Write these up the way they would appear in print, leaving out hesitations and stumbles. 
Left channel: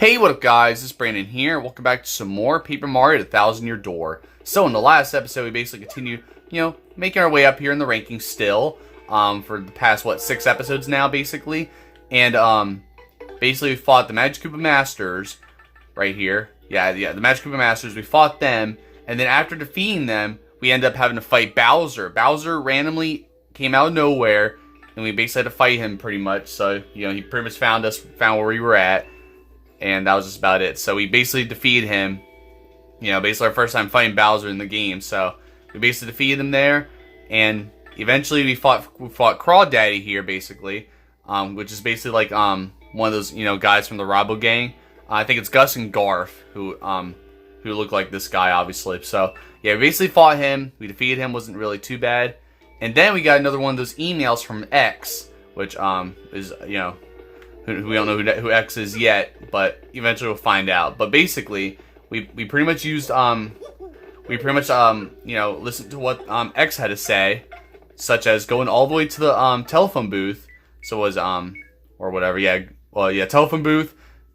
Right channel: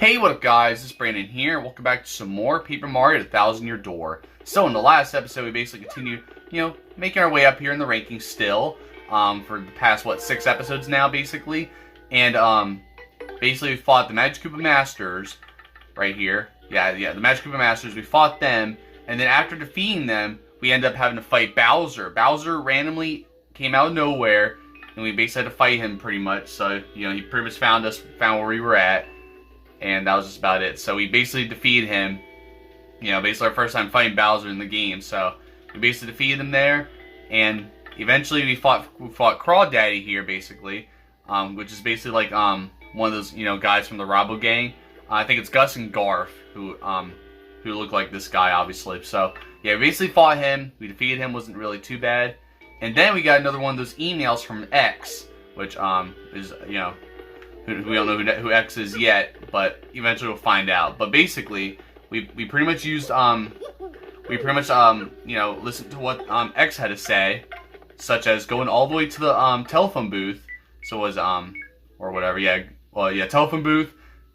Hey, what up guys, this is Brandon here. Welcome back to some more Paper Mario Year Door. So in the last episode, we basically continued, making our way up here in the rankings still, for the past, 6 episodes now, basically. And, basically we fought the Magic Koopa Masters, right here. Yeah, the Magic Koopa Masters, we fought them, and then after defeating them, we ended up having to fight Bowser. Bowser randomly came out of nowhere, and we basically had to fight him pretty much, so, he pretty much found where we were at. And that was just about it. So we basically defeated him. Basically our first time fighting Bowser in the game. So we basically defeated him there. And eventually we fought Crawdaddy here, basically. Which is basically like one of those, guys from the Robo Gang. I think it's Gus and Garth who look like this guy, obviously. So yeah, we basically fought him. We defeated him. Wasn't really too bad. And then we got another one of those emails from X, which is, we don't know who X is yet, but eventually we'll find out. But basically, we pretty much used listened to what X had to say, such as going all the way to the telephone booth. So it was or whatever, telephone booth.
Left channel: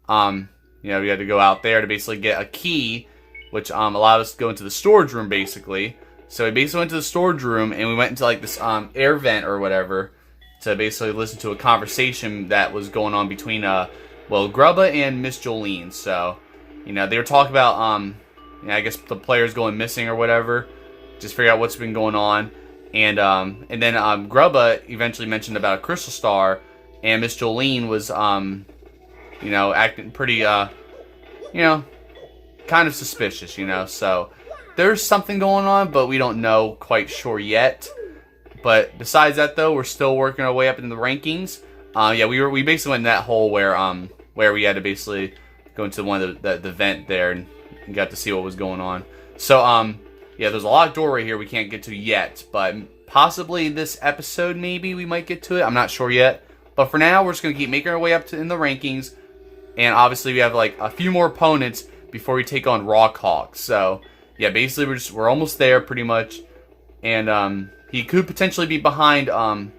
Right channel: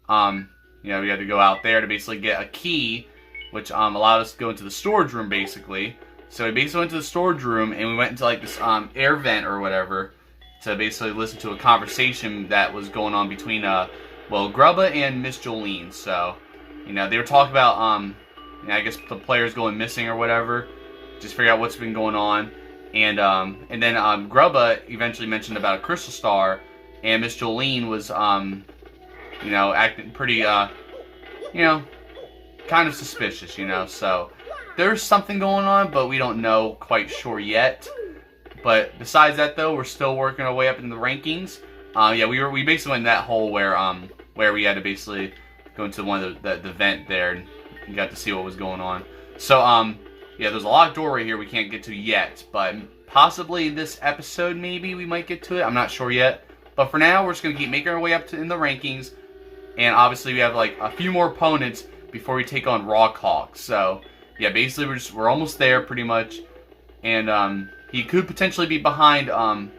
We had to go out there to basically get a key, which allowed us to go into the storage room basically. So we basically went to the storage room and we went into like this air vent or whatever, to basically listen to a conversation that was going on between, Grubba and Miss Jolene. So, they were talking about, I guess the players going missing or whatever. Just figure out what's been going on. And then Grubba eventually mentioned about a crystal star, and Miss Jolene was, acting pretty, kind of suspicious, So, there's something going on, but we don't know quite sure yet. But besides that, though, we're still working our way up in the rankings. We basically went in that hole where we had to basically go into one of the vent there and got to see what was going on. So there's a locked door right here we can't get to yet, but possibly this episode maybe we might get to it. I'm not sure yet. But for now, we're just gonna keep making our way up in the rankings, and obviously we have like a few more opponents before we take on Rawk Hawk. So yeah, basically we're almost there pretty much, and he could potentially be behind the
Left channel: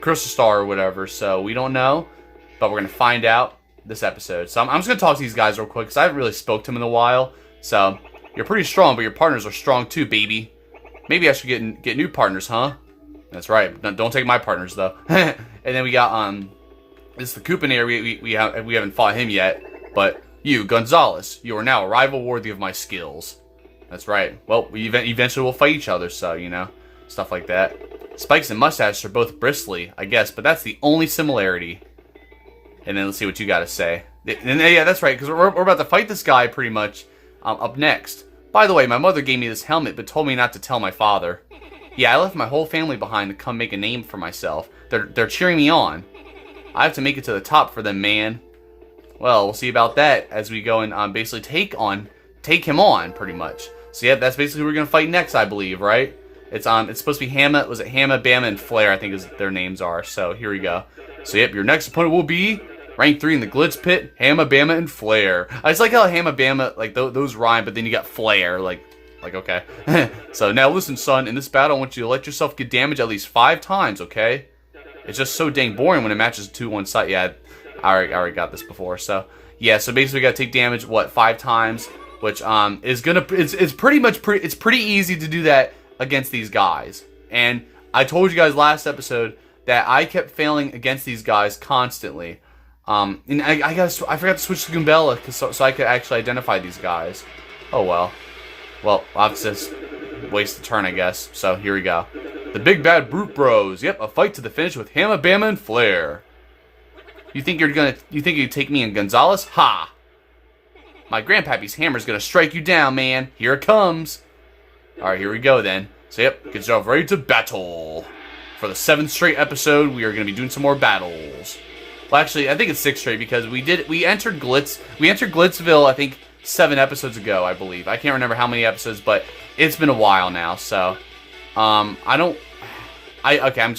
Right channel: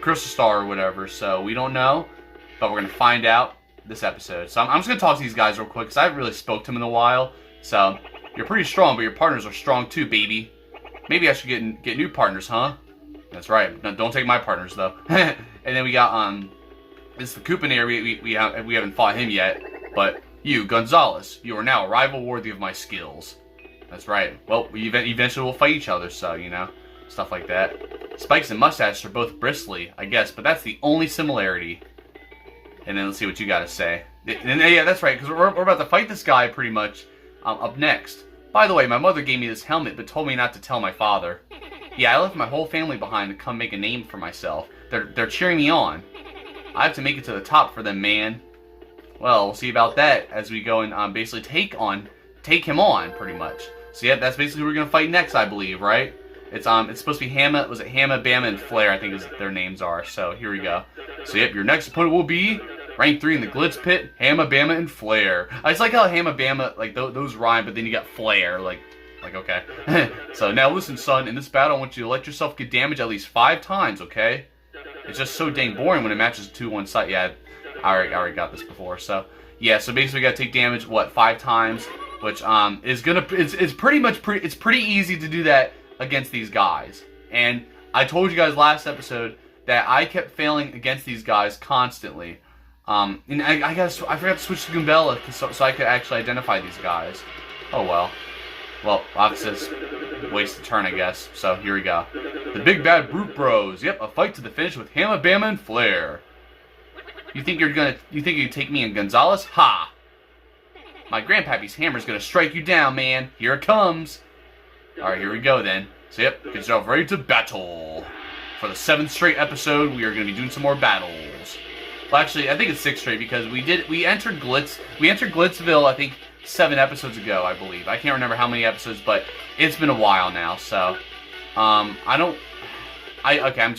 Crystal Star or whatever, so we don't know, but we're going to find out this episode. So I'm just going to talk to these guys real quick, because I haven't really spoke to them in a while. So, you're pretty strong, but your partners are strong too, baby. Maybe I should get new partners, huh? That's right, don't take my partners, though. And then we got, it's the Koopinator, we haven't fought him yet, but you, Gonzalez, you are now a rival worthy of my skills. That's right. Well, we eventually will fight each other, so, stuff like that. Spikes and mustaches are both bristly, I guess, but that's the only similarity. And then let's see what you got to say. And yeah, that's right, because we're about to fight this guy pretty much up next. By the way, my mother gave me this helmet, but told me not to tell my father. Yeah, I left my whole family behind to come make a name for myself. They're cheering me on. I have to make it to the top for them, man. Well, we'll see about that as we go and basically take him on, pretty much. So yeah, that's basically who we're gonna fight next, I believe, right? It's supposed to be Hamma. Was it Hamma, Bamma, and Flare? I think their names are. So here we go. So yep, your next opponent will be rank 3 in the Glitz Pit, Hamma, Bamma, and Flare. I just like how Hamma, Bamma, like those rhyme, but then you got Flare, like okay. So now listen, son. In this battle, I want you to let yourself get damaged at least 5 times, okay? It's just so dang boring when it matches 2-1 side. Yeah, I already got this before. So yeah, so basically we gotta take damage 5 times. Which it's pretty easy to do that against these guys. And I told you guys last episode that I kept failing against these guys constantly. And I forgot to switch to Goombella so I could actually identify these guys. Oh well. Well, obviously waste a turn, I guess. So here we go. The Big Bad Brute Bros. Yep, a fight to the finish with Hamma, Bamma, and Flare. You think you'd take me and Gonzalez? Ha! My grandpappy's hammer's gonna strike you down, man. Here it comes. Alright, here we go then. So yep, get yourself ready to battle. For the 7th straight episode, we are gonna be doing some more battles. Well, actually, I think it's 6 straight because we entered Glitzville, I think 7 episodes ago, I believe. I can't remember how many episodes, but it's been a while now, so okay, I'm just gonna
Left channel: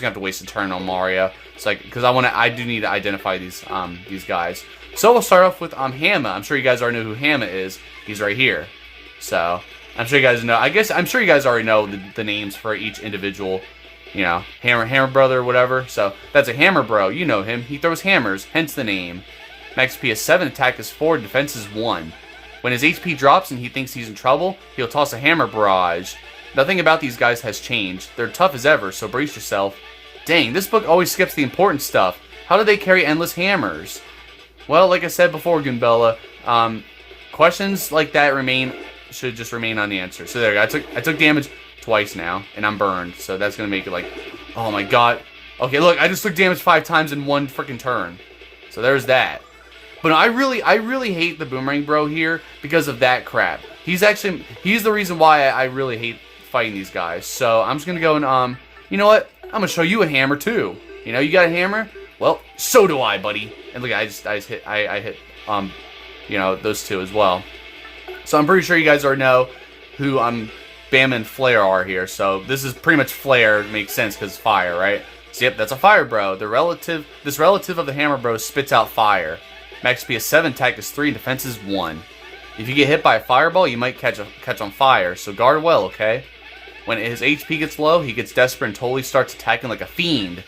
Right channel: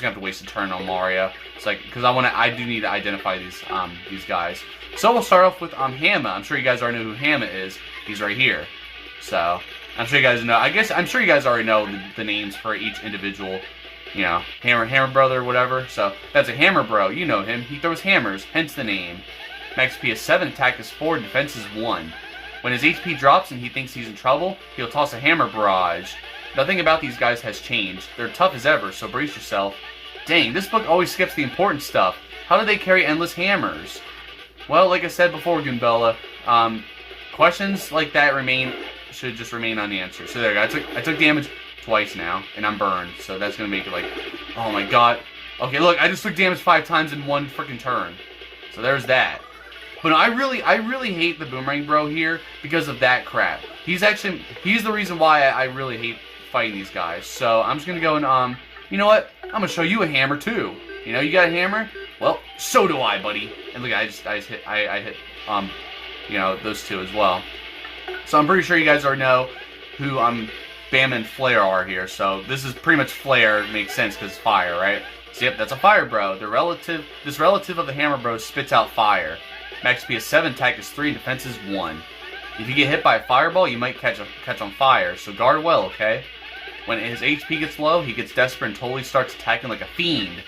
have to waste a turn on Mario. It's like, because I do need to identify these guys. So we'll start off with Hamma. I'm sure you guys already know who Hamma is. He's right here. So I'm sure you guys know. I'm sure you guys already know the names for each individual you know, hammer brother or whatever. So that's a hammer bro. You know him. He throws hammers, hence the name. Max HP is 7, attack is 4, defense is 1. When his HP drops and he thinks he's in trouble, he'll toss a hammer barrage. Nothing about these guys has changed. They're tough as ever, so brace yourself. Dang, this book always skips the important stuff. How do they carry endless hammers? Well, like I said before, Goombella, questions like that should just remain unanswered. So there you go. I took damage twice now, and I'm burned. So that's gonna make it like, oh my god. Okay, look, I just took damage 5 times in one freaking turn. So there's that. But no, I really hate the Boomerang Bro here because of that crap. He's the reason why I really hate fighting these guys. So I'm just gonna go and you know what? I'm gonna show you a hammer too. You know, you got a hammer? Well, so do I, buddy. And look, I hit you know, those two as well. So I'm pretty sure you guys already know who Bamma and Flare are here. So this is pretty much Flare. It makes sense because fire, right? So yep, that's a fire bro. This relative of the hammer bro spits out fire. Max HP is 7, attack is 3, defense is 1. If you get hit by a fireball, you might catch on fire, so guard well, okay? When his HP gets low, he gets desperate and totally starts attacking like a fiend.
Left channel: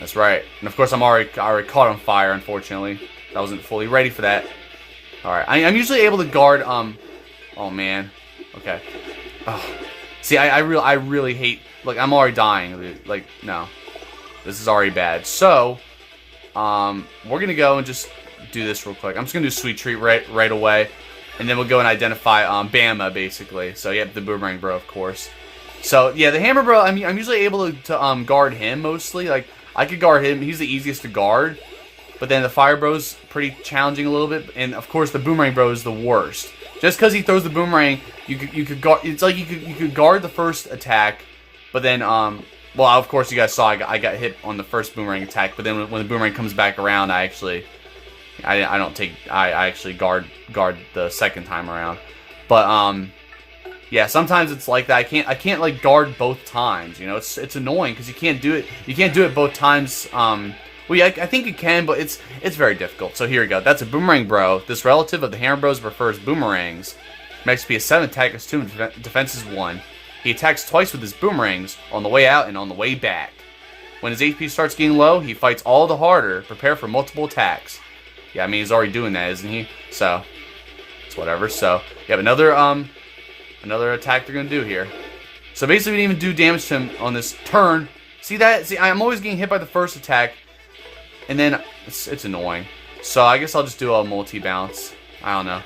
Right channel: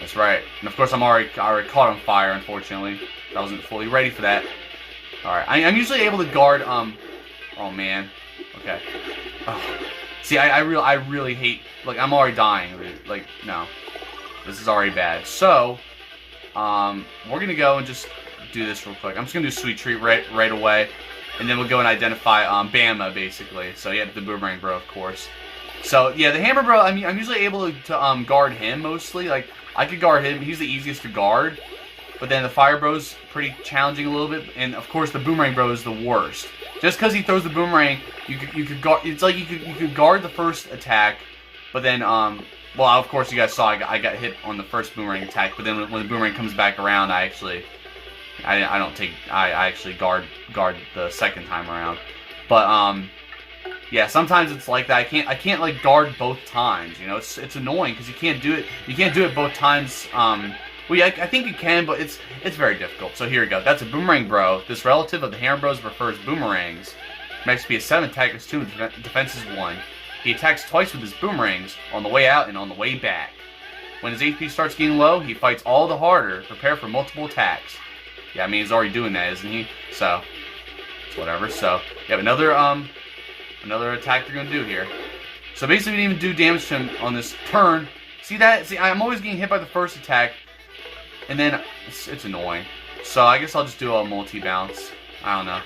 That's right. And of course, I already caught on fire, unfortunately. I wasn't fully ready for that. Alright, I'm usually able to guard, oh man. Okay. Oh. See, I really hate, like, I'm already dying. Like, no. This is already bad. So, we're gonna go and just do this real quick. I'm just gonna do Sweet Treat right away, and then we'll go and identify Bamma basically. So yeah, the Boomerang Bro, of course. So yeah, the Hammer Bro, I'm usually able to guard him mostly. Like I could guard him; he's the easiest to guard. But then the Fire Bro's pretty challenging a little bit, and of course the Boomerang Bro is the worst. Just because he throws the boomerang, you could guard. It's like you could guard the first attack, but then well, of course you guys saw I got hit on the first boomerang attack, but then when the boomerang comes back around, I actually guard the second time around. But yeah, sometimes it's like that. I can't like guard both times. You know, it's annoying because you can't do it. You can't do it both times. Well, yeah, I think you can, but it's very difficult. So here we go. That's a Boomerang Bro. This relative of the Hammer Bros prefers boomerangs. Max HP is 7, attack is 2, and defense is 1. He attacks twice with his boomerangs, on the way out and on the way back. When his HP starts getting low, he fights all the harder. Prepare for multiple attacks. Yeah, I mean, he's already doing that, isn't he? So, it's whatever. So, you have another attack they're going to do here. So, basically, we didn't even do damage to him on this turn. See that? See, I'm always getting hit by the first attack, and then it's annoying. So, I guess I'll just do a multi-bounce. I don't know.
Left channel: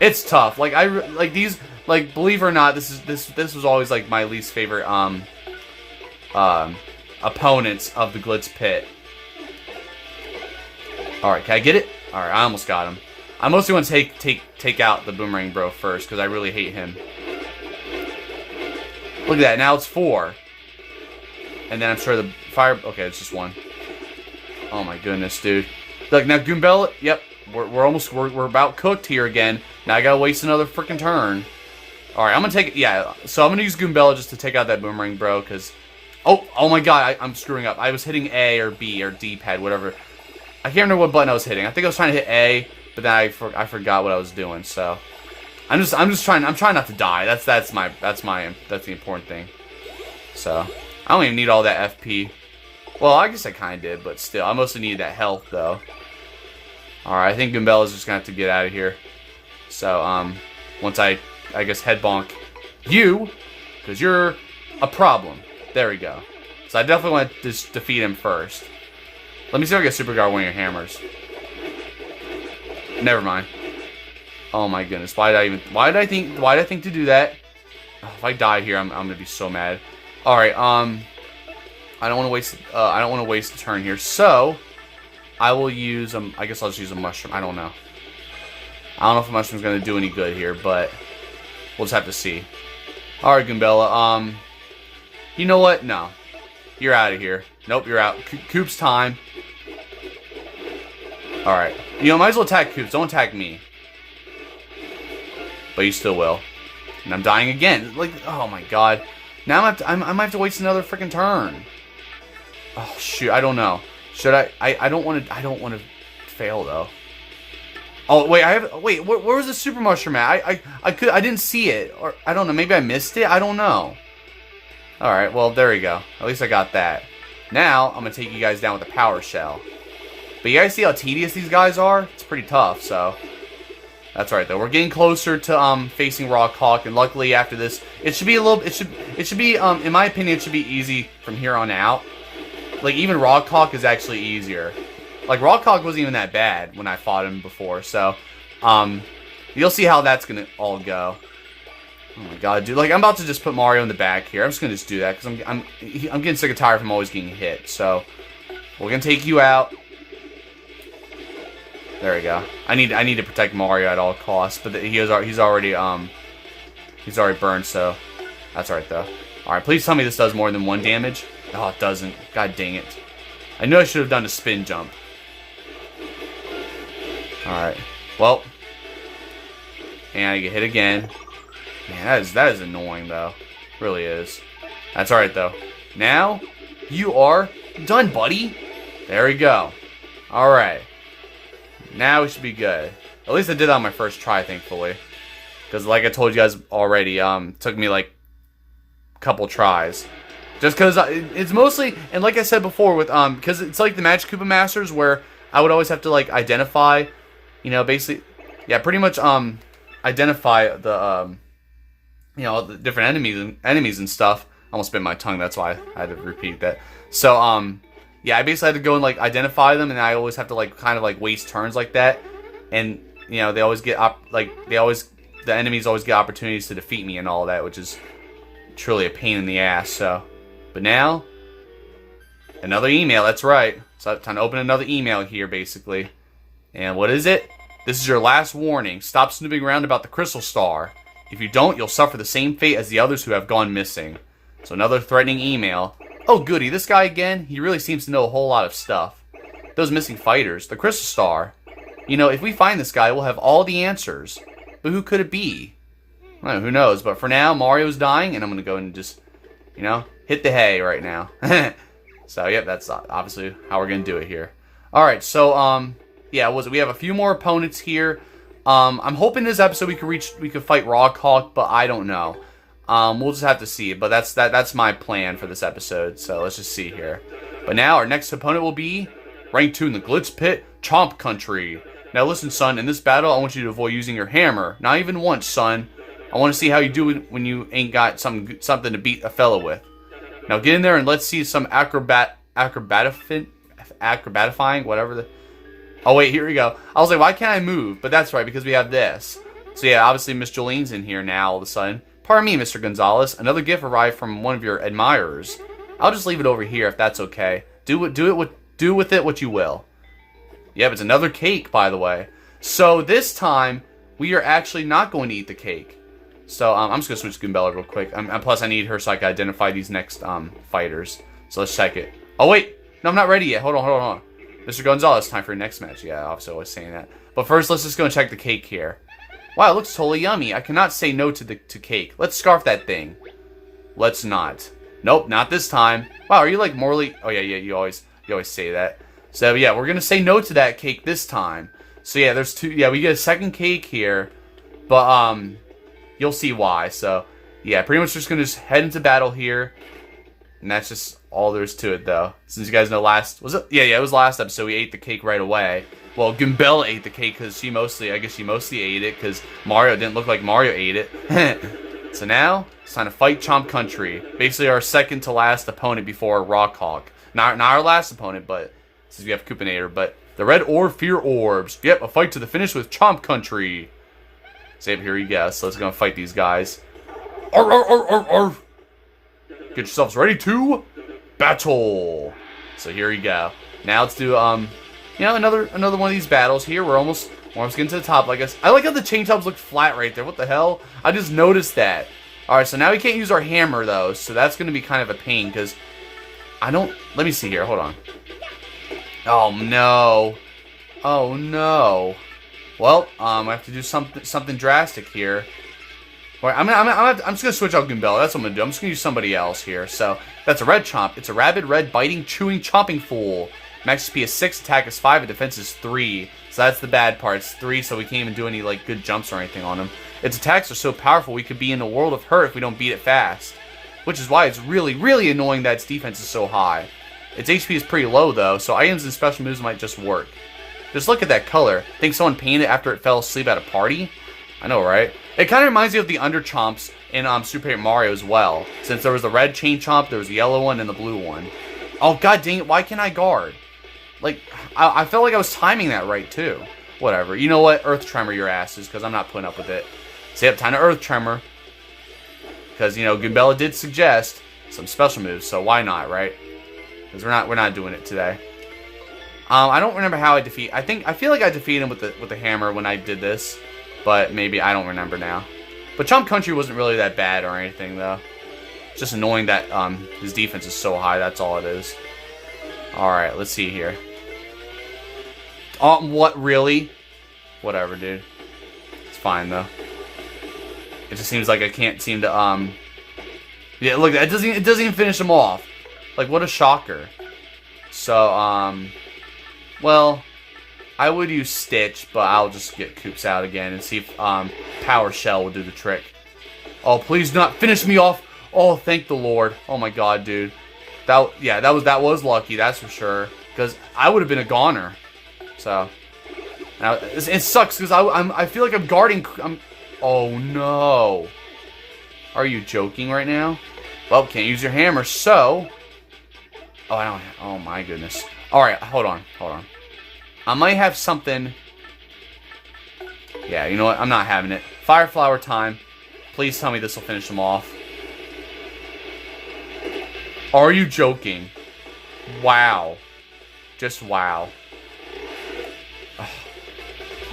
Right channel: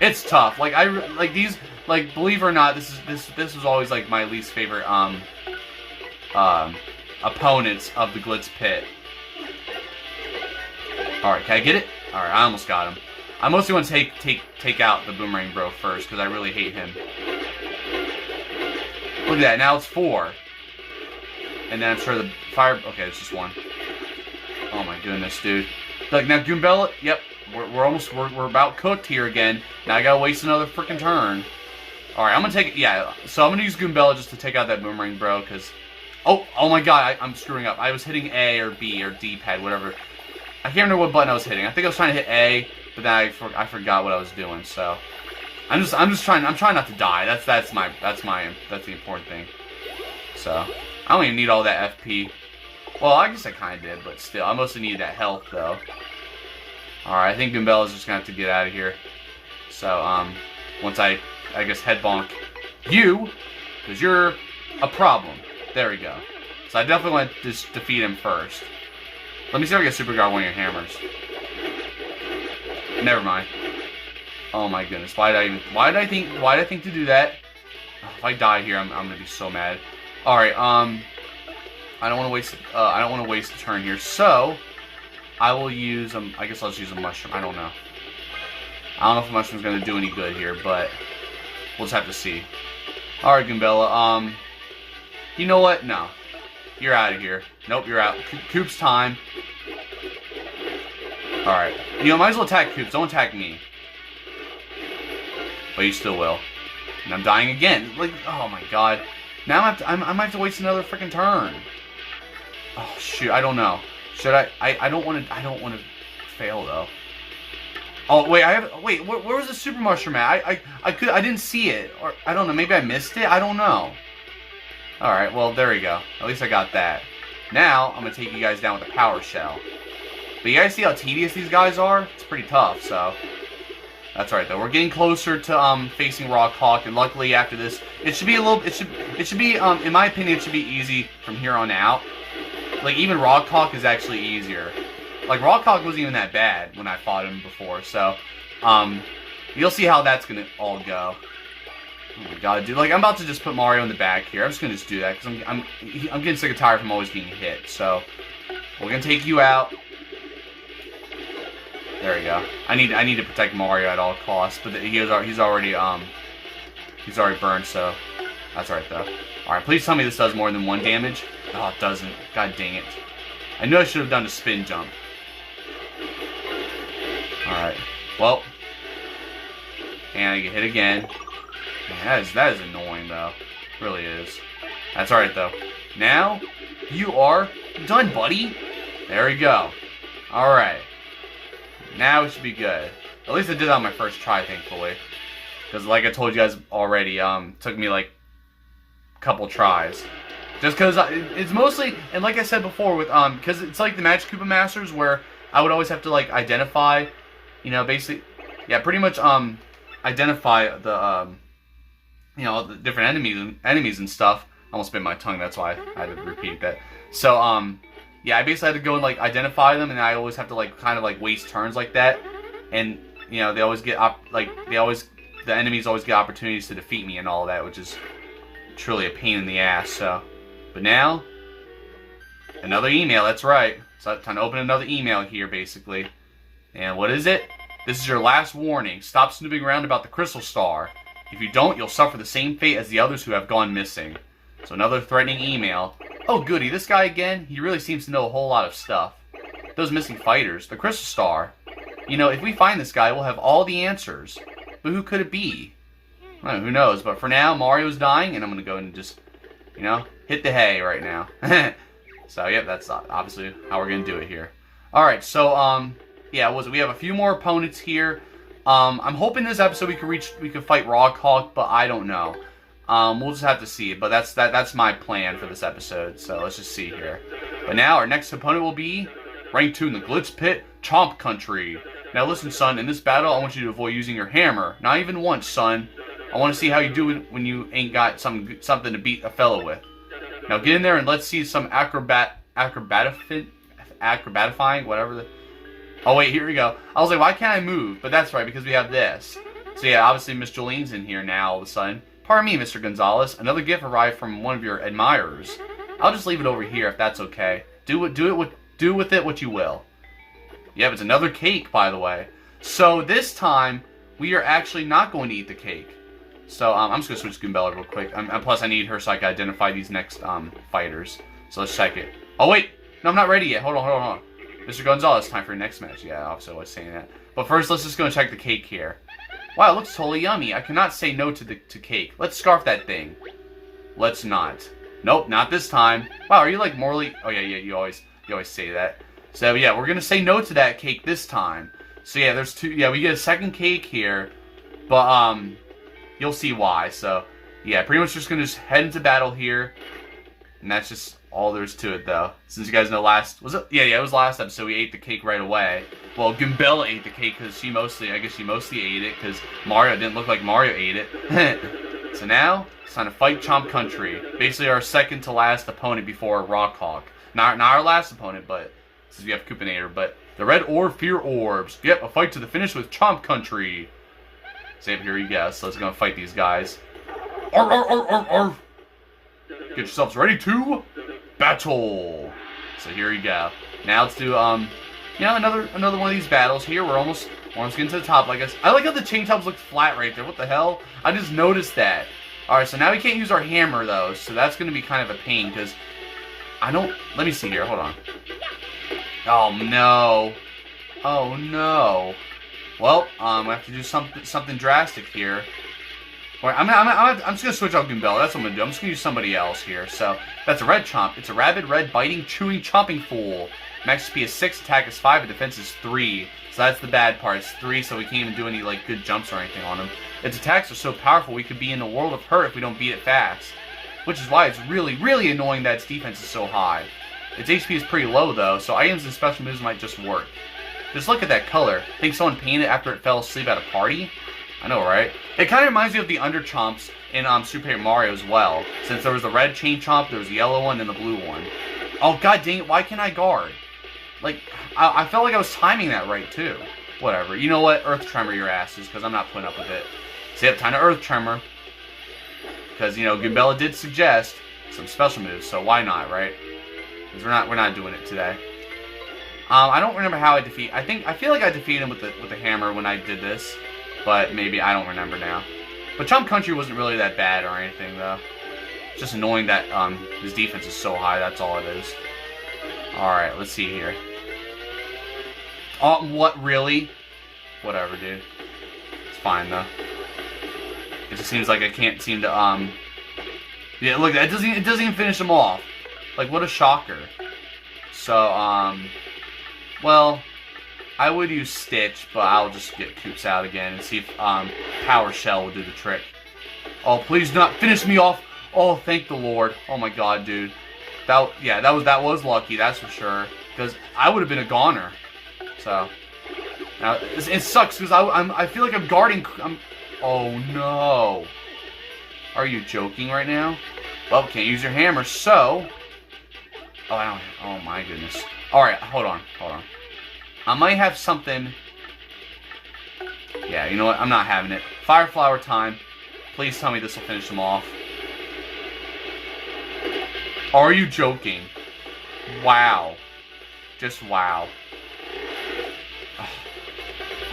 It's tough. Like, these, like, believe it or not, this was always, like, my least favorite, opponents of the Glitz Pit. Alright, can I get it? Alright, I almost got him. I mostly want to take out the Boomerang Bro first, because I really hate him. Look at that, now it's 4. And then I'm sure the fire... Okay, it's just 1. Oh my goodness, dude. Look, now Goombella... Yep, we're about cooked here again. Now I gotta waste another freaking turn. Alright, I'm gonna take it... Yeah, so I'm gonna use Goombella just to take out that Boomerang Bro, because... Oh my god, I'm screwing up. I was hitting A or B or D-pad, whatever. I can't remember what button I was hitting. I think I was trying to hit A, but then I forgot what I was doing. So I'm trying not to die. That's the important thing. So I don't even need all that FP. Well, I guess I kind of did, but still, I mostly need that health though. All right, I think Goombella's just gonna have to get out of here. So once I guess head bonk you, because you're a problem. There we go. So I definitely want to just defeat him first. Let me see if I can super guard one of your hammers. Never mind. Oh my goodness. Why did I think to do that? Oh, if I die here, I'm gonna be so mad. Alright, I don't wanna waste a turn here. So I will use I guess I'll just use a mushroom. I don't know. I don't know if a mushroom's gonna do any good here, but we'll just have to see. Alright, Goombella, you know what? No. You're out of here. Nope, you're out. Coop's time. Alright. You know, might as well attack Coops. Don't attack me. But you still will. And I'm dying again. Like, oh my god. Now I might have to waste another freaking turn. Oh, shoot. I don't know. Should I? I don't want to fail, though. Oh, wait. Wait, where was the super mushroom at? I didn't see it. Or, I don't know. Maybe I missed it? I don't know. Alright, well, there we go. At least I got that. Now, I'm going to take you guys down with a power shell. But you guys see how tedious these guys are? It's pretty tough, so... That's right, though. We're getting closer to facing Rawk Hawk, and luckily after this, it should be a little... It should be, in my opinion, it should be easy from here on out. Like, even Rawk Hawk is actually easier. Like, Rawk Hawk wasn't even that bad when I fought him before, so... You'll see how that's gonna all go. Oh my god, dude. Like, I'm about to just put Mario in the back here. I'm just gonna just do that, because I'm getting sick and tired from always getting hit, so... We're gonna take you out. There we go. I need to protect Mario at all costs, but he's already burned, so that's alright though. Alright, please tell me this does more than 1 damage. Oh, it doesn't. God dang it. I knew I should have done a spin jump. Alright. Well. And I get hit again. Man, that is annoying though. It really is. That's alright though. Now you are done, buddy. There we go. Alright. Now we should be good. At least I did that on my first try, thankfully. Because like I told you guys already, it took me like a couple tries. Just because it's mostly, and like I said before, with because it's like the Magic Koopa Masters where I would always have to like identify, you know, basically, yeah, pretty much identify the the different enemies and stuff. I almost bit my tongue, that's why I had to repeat that. So yeah, I basically had to go and like identify them, and I always have to like kind of like waste turns like that, and you know they always get the enemies always get opportunities to defeat me and all that, which is truly a pain in the ass. So, but now another email. That's right. So time to open another email here, basically. And what is it? This is your last warning. Stop snooping around about the Crystal Star. If you don't, you'll suffer the same fate as the others who have gone missing. So another threatening email. Oh goody, this guy again? He really seems to know a whole lot of stuff. Those missing fighters, the Crystal Star. You know, if we find this guy, we'll have all the answers. But who could it be? Well, who knows? But for now, Mario's dying, and I'm going to go and just, you know, hit the hay right now. So, yep, that's obviously how we're going to do it here. Alright, so, yeah, we have a few more opponents here. I'm hoping this episode we could fight Rawk Hawk, but I don't know. We'll just have to see. But that's my plan for this episode. So let's just see here. But now our next opponent will be rank 2 in the Glitz Pit, Chomp Country. Now listen, son. In this battle, I want you to avoid using your hammer. Not even once, son. I want to see how you do it when you ain't got something to beat a fella with. Now get in there and let's see some acrobatifying, whatever the. Oh wait, here we go. I was like, why can't I move? But that's right, because we have this. So yeah, obviously Miss Jolene's in here now all of a sudden. Pardon me, Mr. Gonzalez. Another gift arrived from one of your admirers. I'll just leave it over here if that's okay. Do with it what you will. Yep, it's another cake, by the way. So this time we are actually not going to eat the cake. So I'm just gonna switch Goombella real quick. And plus I need her so I can identify these next fighters. So let's check it. Oh wait, no, I'm not ready yet. Hold on. Mr. Gonzalez, time for your next match. Yeah, obviously I was saying that. But first, let's just go and check the cake here. Wow, it looks totally yummy. I cannot say no to cake. Let's scarf that thing. Let's not. Nope, not this time. Wow, are you like morally? Oh yeah, you always say that. So yeah, we're gonna say no to that cake this time. So yeah, there's two. Yeah, we get a second cake here, but you'll see why. So yeah, pretty much just gonna head into battle here, and that's just all there's to it, though. Since you guys know it was last episode we ate the cake right away. Well, Goombella ate the cake because she mostly ate it because Mario didn't look like Mario ate it. So now it's time to fight Chomp Country. Basically our second to last opponent before Rawk Hawk. Not our last opponent, but since we have Koopinator. But the Red Orb Fear Orbs. Yep, a fight to the finish with Chomp Country. So here you go. So let's go and fight these guys. Arr, arr, arr, arr, arr. Get yourselves ready to battle. So here you go. Now let's do another one of these battles here. We're almost getting to the top. Like I like how the Chain Chomps look flat right there. What the hell? I just noticed that. All right, so now we can't use our hammer though, so that's going to be kind of a pain because I don't. Let me see here. Hold on. Oh no. Oh no. Well, I have to do something drastic here. Right, I'm just going to switch out Goombella. That's what I'm going to do. I'm just going to use somebody else here. So, that's a red chomp. It's a rabid, red, biting, chewing, chomping fool. Max SP is 6, attack is 5, and defense is 3. So that's the bad part. It's 3, so we can't even do any like good jumps or anything on him. Its attacks are so powerful we could be in a world of hurt if we don't beat it fast. Which is why it's really, really annoying that its defense is so high. Its HP is pretty low, though, so items and special moves might just work. Just look at that color. Think someone painted it after it fell asleep at a party? I know, right? It kind of reminds me of the Under Chomps in Super Paper Mario as well. Since there was the red Chain Chomp, there was the yellow one, and the blue one. Oh, god dang it, why can't I guard? Like, I felt like I was timing that right, too. Whatever. You know what? Earth Tremor your asses, because I'm not putting up with it. So, yep, time to Earth Tremor. Because, you know, Goombella did suggest some special moves, so why not, right? Because we're not doing it today. I don't remember how I defeat... I feel like I defeated him with the hammer when I did this. But maybe, I don't remember now. But Chomp Country wasn't really that bad or anything, though. It's just annoying that his defense is so high, that's all it is. Alright, let's see here. Oh, what, really? Whatever, dude. It's fine, though. It just seems like I can't seem to, yeah, look, it doesn't even finish him off. Like, what a shocker. So, well, I would use Stitch, but I'll just get Koops out again and see if, Power Shell will do the trick. Oh, please not finish me off. Oh, thank the Lord. Oh my god, dude. That was lucky, that's for sure. Because I would have been a goner. So, now, it sucks, because I feel like I'm guarding, oh no. Are you joking right now? Well, can't use your hammer, so... Oh, I don't... Oh, my goodness. Alright, hold on. I might have something... Yeah, you know what? I'm not having it. Fire Flower time. Please tell me this will finish them off. Are you joking? Wow. Just wow.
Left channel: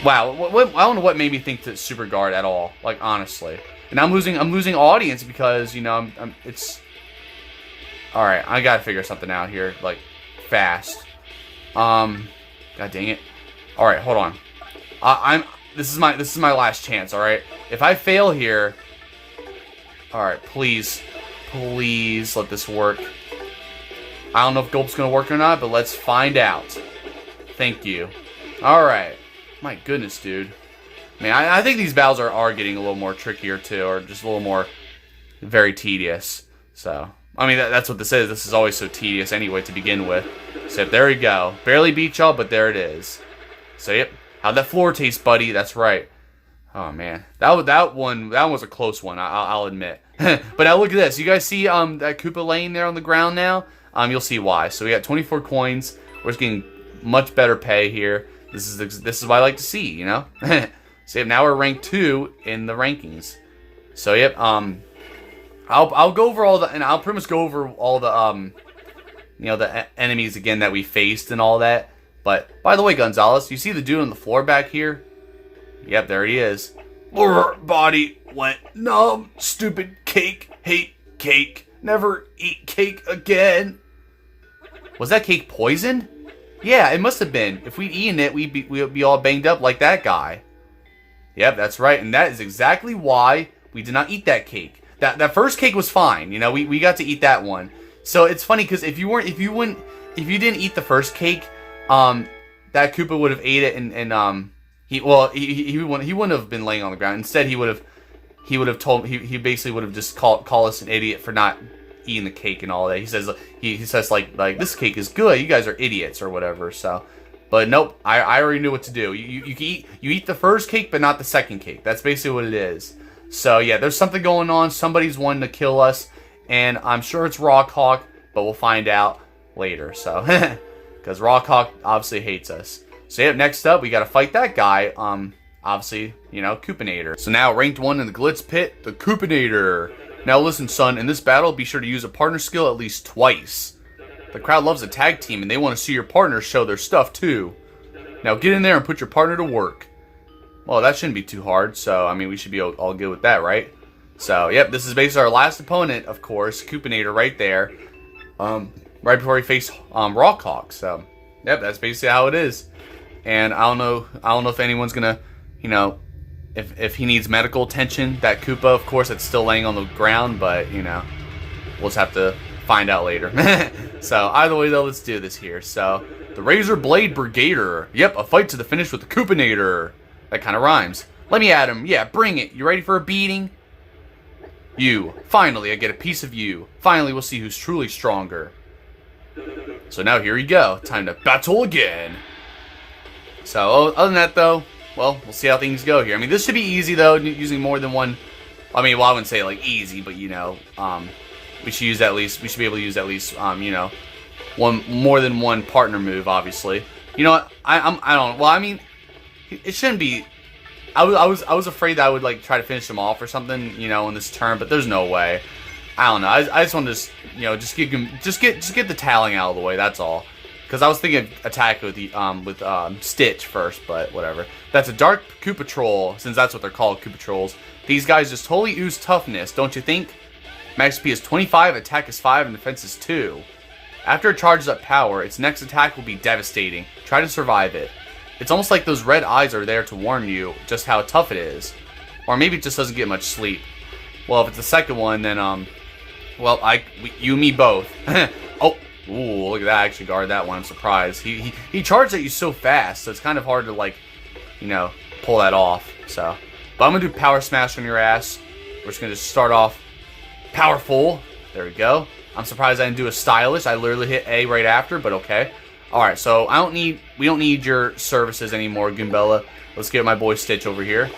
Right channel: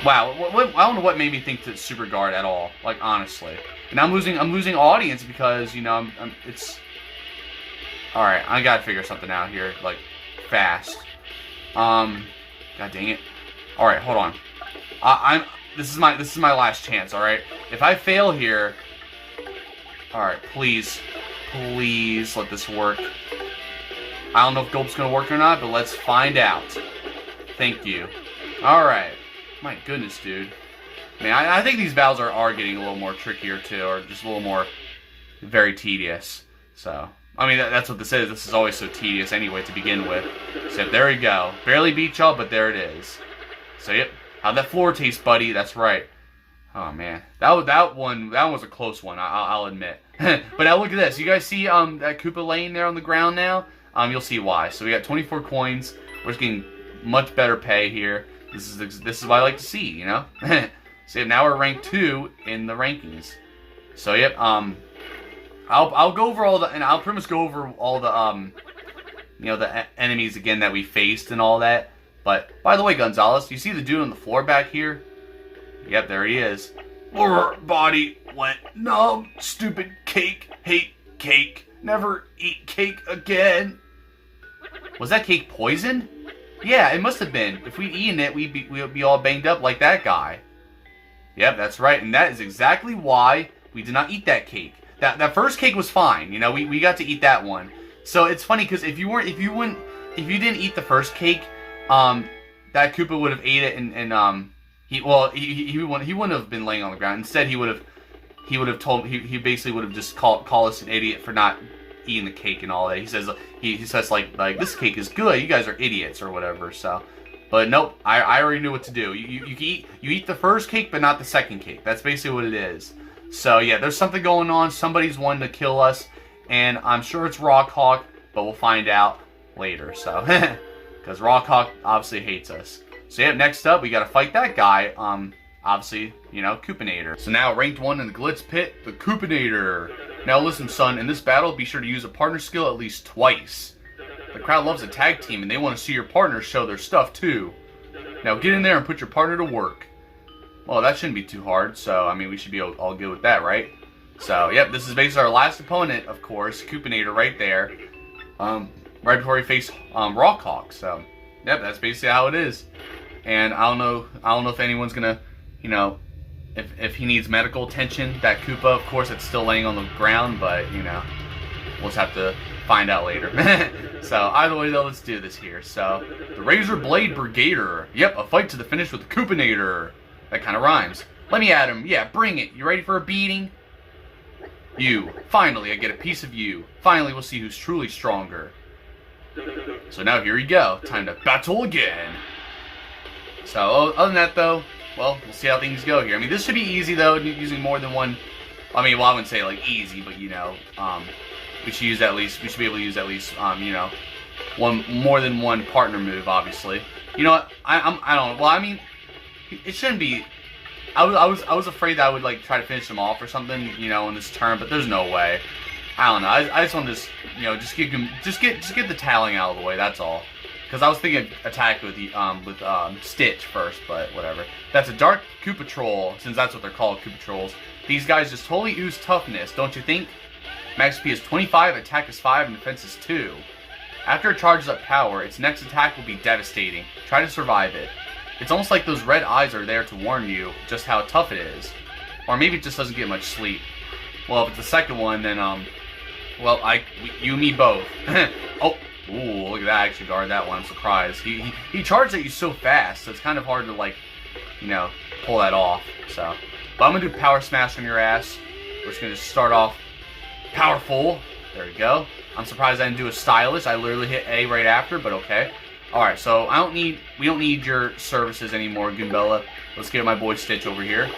Wow. I don't know what made me think to super guard at all. Like, honestly. And I'm losing audience because, you know, it's... Alright, I gotta figure something out here, like, fast. God dang it. Alright, hold on. This is my last chance, alright? If I fail here... Alright, please. Please let this work. I don't know if Gulp's gonna work or not, but let's find out. Thank you. Alright. My goodness, dude. Man, I think these battles are getting a little more trickier, too, or just a little more very tedious. So, I mean, that's what this is. This is always so tedious anyway to begin with. So, there we go. Barely beat y'all, but there it is. So, yep. How'd that floor taste, buddy? That's right. Oh, man. That one was a close one, I'll admit. But now look at this. You guys see that Koopa laying there on the ground now? You'll see why. So, we got 24 coins. We're just getting much better pay here. This is what I like to see, you know? So now we're ranked 2 in the rankings. So yep, I'll go over all the, and I'll pretty much go over all the you know, the enemies again that we faced and all that. But by the way, Gonzalez, you see the dude on the floor back here? Yep, there he is. Body went numb. Stupid cake. Hate cake. Never eat cake again. Was that cake poisoned? Yeah, it must have been. If we'd eaten it, we'd be all banged up like that guy. Yep, that's right, and that is exactly why we did not eat that cake. That first cake was fine, you know. We got to eat that one. So it's funny because if you didn't eat the first cake, that Koopa would have ate it, and he wouldn't have been laying on the ground. Instead, he would have basically would have just called us an idiot for not eating the cake and all that. He says like this cake is good. You guys are idiots or whatever. So. But nope, I already knew what to do. You eat the first cake, but not the second cake. That's basically what it is. So yeah, there's something going on. Somebody's wanting to kill us, and I'm sure it's Rawk Hawk, but we'll find out later. So, because Rawk Hawk obviously hates us. So yeah, next up we got to fight that guy. Obviously, you know, Koopinator. So now ranked 1 in the Glitz Pit, the Koopinator. Now listen, son, in this battle, be sure to use a partner skill at least twice. The crowd loves a tag team, and they want to see your partners show their stuff, too. Now get in there and put your partner to work. Well, that shouldn't be too hard, so, I mean, we should be all good with that, right? So, yep, this is basically our last opponent, of course, Koopinator right there. Right before we face Rawk Hawk, so, yep, that's basically how it is. And I don't know if anyone's gonna, you know, if he needs medical attention, that Koopa, of course, that's still laying on the ground, but, you know, we'll just have to find out later. So, either way, though, let's do this here. So, the Razor Blade Brigader. Yep, a fight to the finish with the Koopinator. That kind of rhymes. Let me at him. Yeah, bring it. You ready for a beating? You. Finally, I get a piece of you. Finally, we'll see who's truly stronger. So now here we go. Time to battle again. So other than that though, well, we'll see how things go here. I mean, this should be easy though, using more than one. I mean, well, I wouldn't say like easy, but you know, we should use at least. We should be able to use at least, you know, more than one partner move. Obviously, you know what? I don't. Well, I mean, it shouldn't be. I was afraid that I would like try to finish him off or something, you know, in this turn, but there's no way. I don't know. I just want to you know, just get the taling out of the way. That's all. Because I was thinking attack with the Stitch first, but whatever. That's a Dark Koopatrol, since that's what they're called, Koopatrols. These guys just totally ooze toughness, don't you think? Max SP is 25, attack is 5, and defense is 2. After it charges up power, its next attack will be devastating. Try to survive it. It's almost like those red eyes are there to warn you just how tough it is. Or maybe it just doesn't get much sleep. Well, if it's the second one, then, well, you and me both. Oh, ooh, look at that. I actually guarded that one. I'm surprised. He charged at you so fast, so it's kind of hard to, like, you know, pull that off. So, but I'm going to do Power Smash on your ass. We're just going to start off powerful. There we go. I'm surprised I didn't do a stylish. I literally hit A right after, but okay. Alright, so we don't need your services anymore, Goombella. Let's get my boy Stitch over here.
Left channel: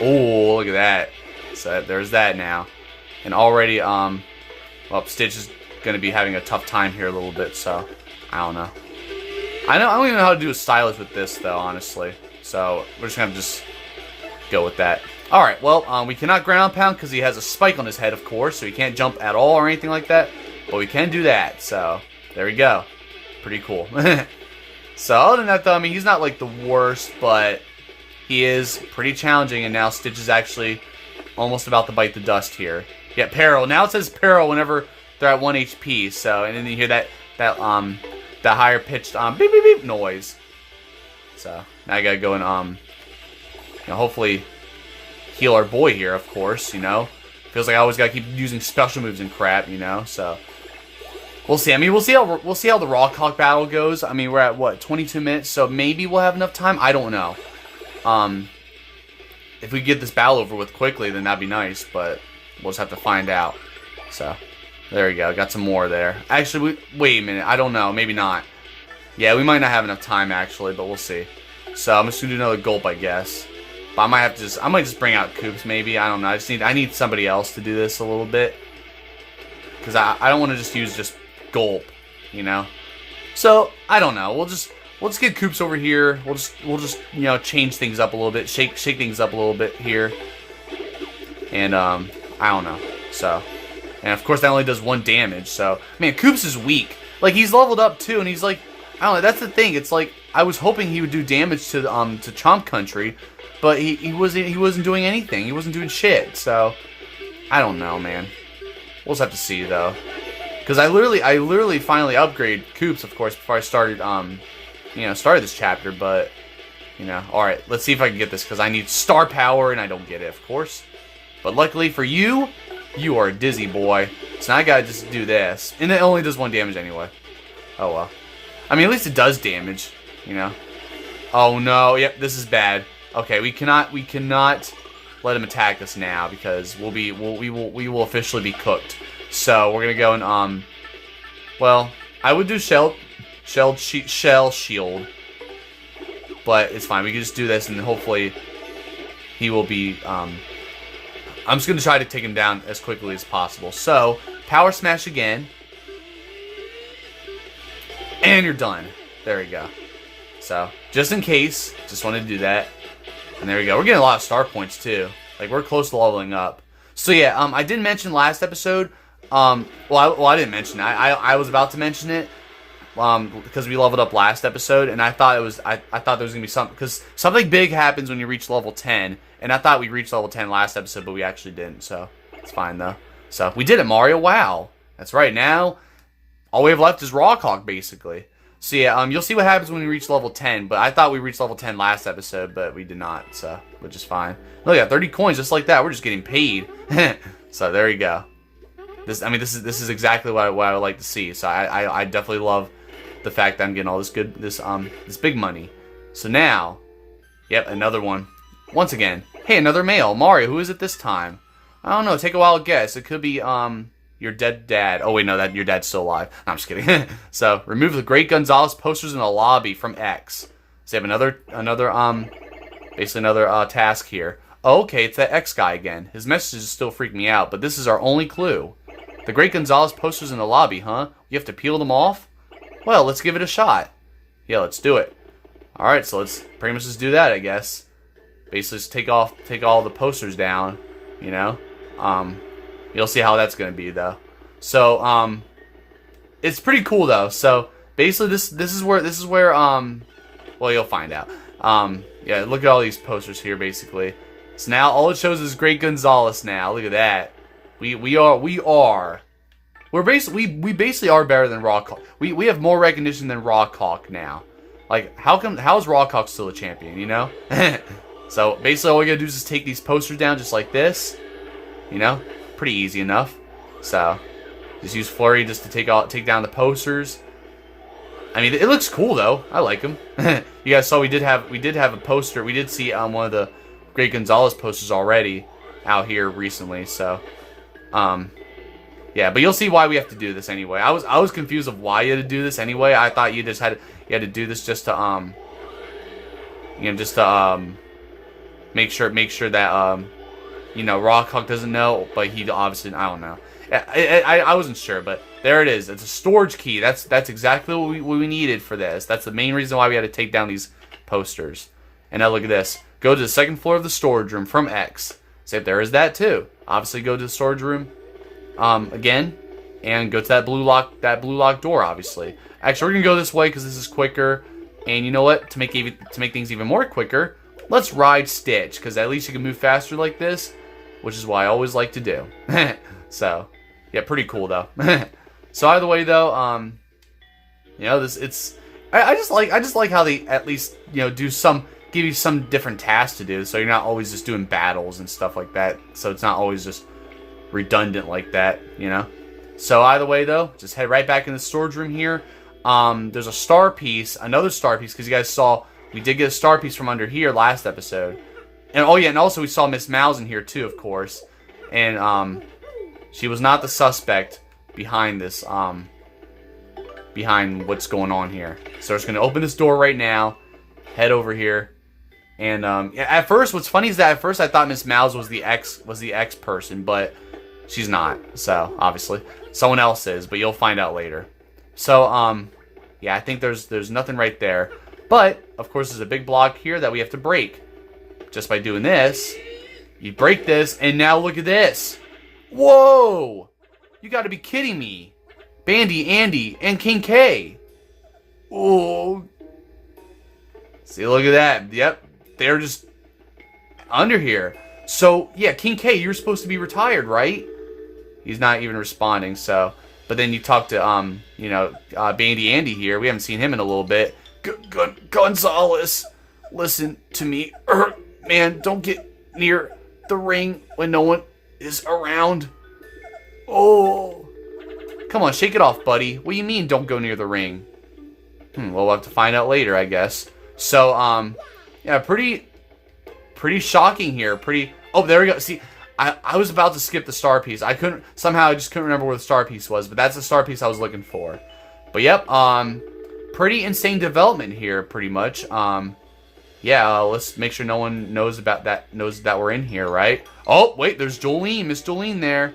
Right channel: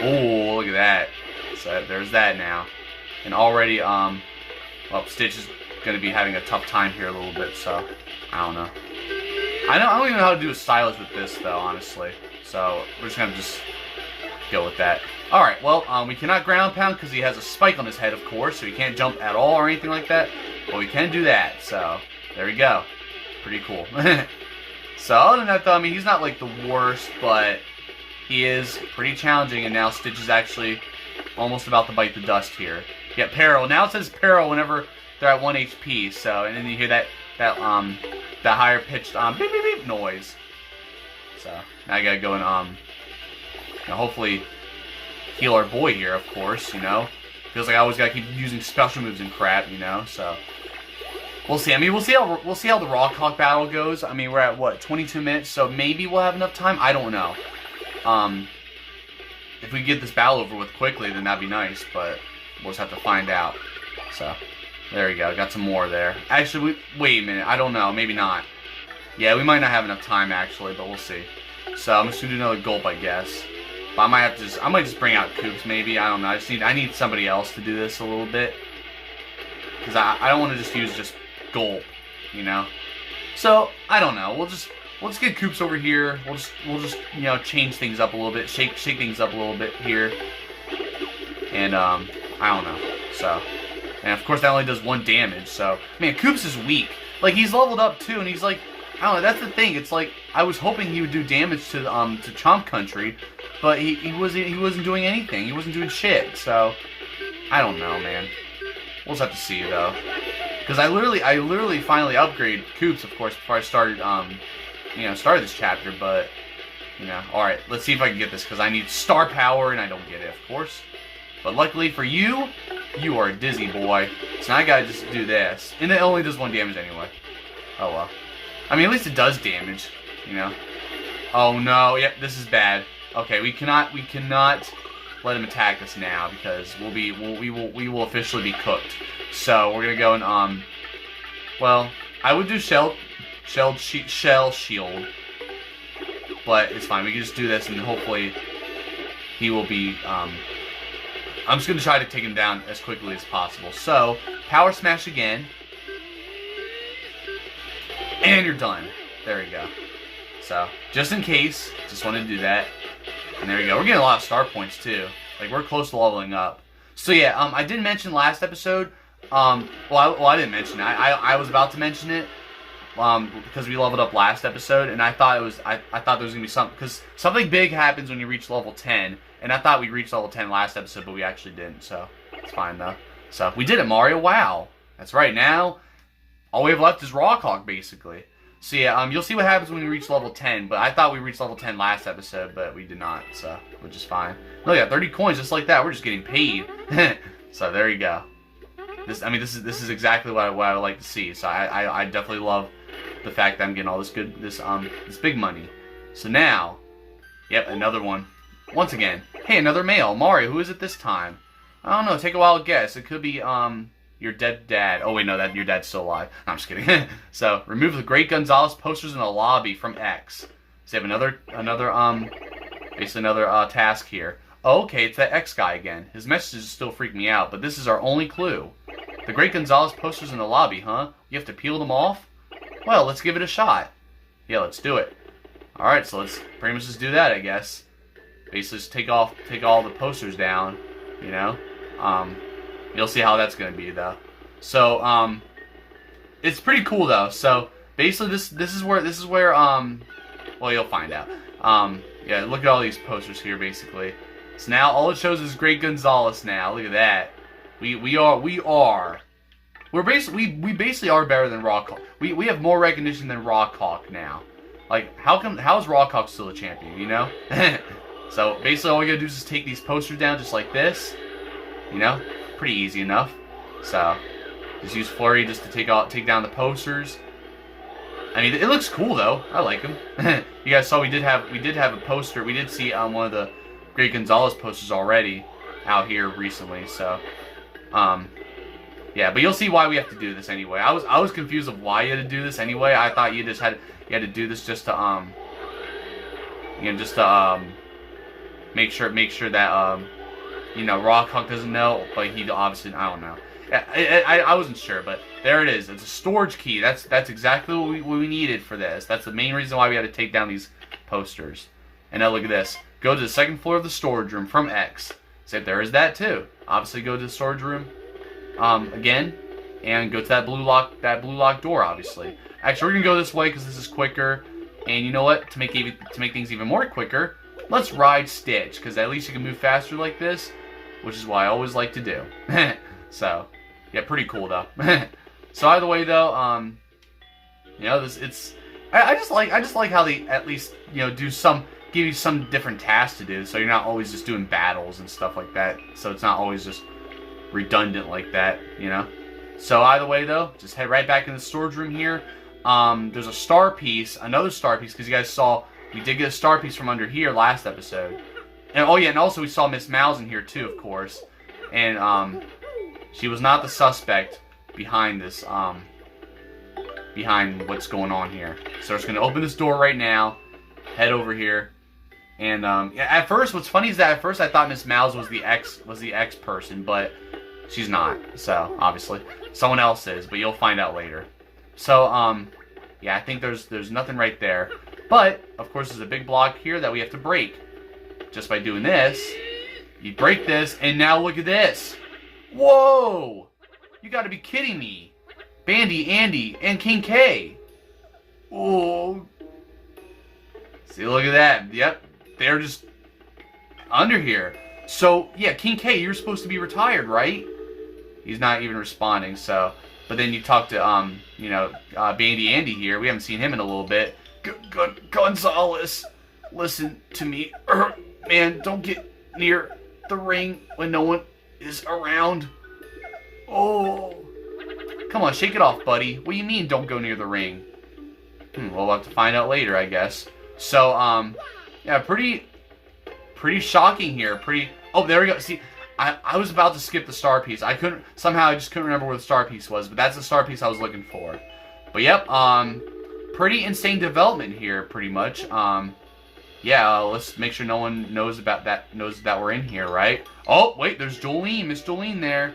Oh, look at that. So there's that now. And already, well, Stitch is going to be having a tough time here a little bit, so I don't know. I don't even know how to do a stylish with this, though, honestly. So we're just going to just go with that. Alright, well, we cannot ground pound because he has a spike on his head, of course, so he can't jump at all or anything like that. But we can do that, so there we go. Pretty cool. So other than that, though, I mean, he's not like the worst, but he is pretty challenging, and now Stitch is actually almost about to bite the dust here. Yeah, peril. Now it says peril whenever they're at 1 HP, so, and then you hear that higher pitched beep beep beep noise. So now I gotta go and you know, hopefully heal our boy here, of course, you know. Feels like I always gotta keep using special moves and crap, you know, so we'll see. I mean, we'll see how the Rawk Hawk battle goes. I mean, we're at what, 22 minutes, so maybe we'll have enough time. I don't know. If we get this battle over with quickly, then that'd be nice, but we'll just have to find out. So there we go. Got some more there. Actually, wait a minute. I don't know. Maybe not. Yeah, we might not have enough time actually, but we'll see. So I'm just gonna do another gulp, I guess. But I might just bring out Koops, maybe. I don't know. I need somebody else to do this a little bit, because I don't want to just use gulp, you know. So I don't know. We'll just get Koops over here. We'll just you know, change things up a little bit, shake things up a little bit here, and I don't know. So, and of course that only does 1 damage. So man, Koops is weak. Like, he's leveled up too, and he's like, I don't know. That's the thing. It's like I was hoping he would do damage to Chomp Country, but he wasn't doing anything. He wasn't doing shit. So I don't know, man. We'll just have to see though. Because I literally finally upgraded Koops, of course, before I started, you know, started this chapter. But, you know, all right, let's see if I can get this, because I need star power, and I don't get it, of course. But luckily for you, you are a dizzy boy. So now I gotta just do this, and it only does 1 damage anyway. Oh well. I mean, at least it does damage, you know. Oh no, yep, this is bad. Okay, we cannot let him attack us now, because we will officially be cooked. So we're gonna go and well, I would do shell shield, but it's fine. We can just do this, and hopefully he will be. I'm just gonna try to take him down as quickly as possible. So power smash again, and you're done. There we go. So just in case, just wanted to do that, and there we go. We're getting a lot of star points too. Like, we're close to leveling up. So yeah, I didn't mention last episode. Well, I didn't mention it. I was about to mention it, because we leveled up last episode, and I thought I thought there was gonna be something, because something big happens when you reach level 10, and I thought we reached level 10 last episode, but we actually didn't. So it's fine though. So we did it, Mario. Wow, that's right. Now all we have left is Rawk Hawk, basically. So yeah, you'll see what happens when we reach level 10. But I thought we reached level 10 last episode, but we did not. So which is fine. Look at 30 coins, just like that. We're just getting paid. So there you go. This is exactly what I would like to see. So I definitely love the fact that I'm getting all this this big money. So now, yep, another one. Once again, hey, another male. Mario, who is it this time? I don't know. Take a wild guess. It could be your dead dad. Oh wait, no, your dad's still alive. No, I'm just kidding. So remove the Great Gonzalez posters in the lobby from X. So you have basically another task here. Oh, okay, it's that X guy again. His messages still freak me out, but this is our only clue. The Great Gonzalez posters in the lobby, huh? You have to peel them off? Well, let's give it a shot. Yeah, let's do it. Alright, so let's pretty much just do that, I guess. Basically just take all the posters down, you know? You'll see how that's gonna be though. So, it's pretty cool though. So basically this is where well, you'll find out. Yeah, look at all these posters here basically. So now all it shows is Great Gonzalez now. Look at that. We basically are better than Rawk Hawk. We have more recognition than Rawk Hawk now. Like, how's Rawk Hawk still a champion, you know? So basically all we gotta do is just take these posters down just like this. You know? Pretty easy enough. So just use Flurry just to take down the posters. I mean, it looks cool though. I like them. You guys saw we did have a poster. We did see one of the Great Gonzalez posters already out here recently. So, yeah, but you'll see why we have to do this anyway. I was confused of why you had to do this anyway. I thought you had to do this just to make sure that you know, Rawk Hawk doesn't know, but he obviously, I don't know. I wasn't sure, but there it is. It's a storage key. That's exactly what we needed for this. That's the main reason why we had to take down these posters. And now look at this. Go to the second floor of the storage room from X. So there is that too. Obviously, go to the storage room again, and go to that blue lock door. Obviously, actually, we're gonna go this way because this is quicker. And you know what? To make things even more quicker, let's ride Stitch because at least you can move faster like this, which is what I always like to do. So, yeah, pretty cool though. So either way though, you know, I just like how they at least, you know, give you some different tasks to do, so you're not always just doing battles and stuff like that. So it's not always just redundant like that, you know. So either way though, just head right back in the storage room here. There's a star piece, another star piece, because you guys saw we did get a star piece from under here last episode. And oh yeah, and also we saw Miss Mouse in here too, of course. And she was not the suspect behind this, behind what's going on here. So we're just gonna open this door right now, head over here, and yeah, at first, what's funny is that at first I thought Miss Mouse was the X person, but she's not. So obviously, someone else is, but you'll find out later. So yeah, I think there's nothing right there, but of course there's a big block here that we have to break. Just by doing this, you break this, and now look at this. Whoa! You gotta be kidding me. Bandy, Andy, and King K. Oh. See, look at that. Yep. They're just under here. So, yeah, King K, you're supposed to be retired, right? He's not even responding, so. But then you talk to, you know, Bandy Andy here. We haven't seen him in a little bit. Gonzalez, listen to me. Man, don't get near the ring when no one is around. Oh. Come on, shake it off, buddy. What do you mean, don't go near the ring? Well, we'll have to find out later, I guess. So, yeah, pretty shocking here. Oh, there we go. See, I was about to skip the star piece. I just couldn't remember where the star piece was, but that's the star piece I was looking for. But yep, pretty insane development here, pretty much. Yeah, let's make sure no one knows that we're in here, right? Oh, wait, there's Jolene, Miss Jolene there.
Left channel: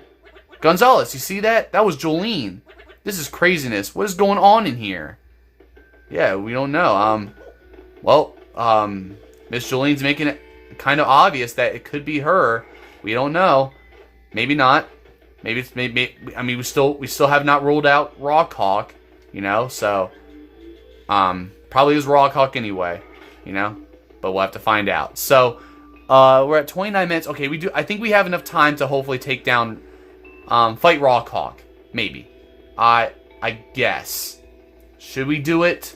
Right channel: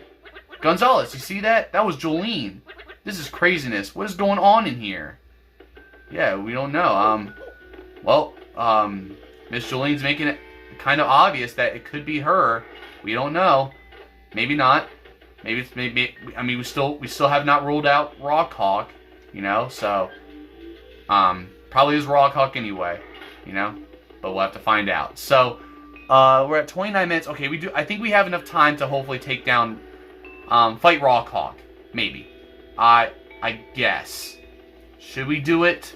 Gonzalez, you see that? That was Jolene. This is craziness. What is going on in here? Yeah, we don't know. Well, Miss Jolene's making it kind of obvious that it could be her. We don't know. Maybe not. Maybe. I mean, we still have not ruled out Rawk Hawk. You know, so probably is Rawk Hawk anyway. You know, but we'll have to find out. So we're at 29 minutes. Okay, I think we have enough time to hopefully take down, fight Rawk Hawk. Maybe. I guess. Should we do it?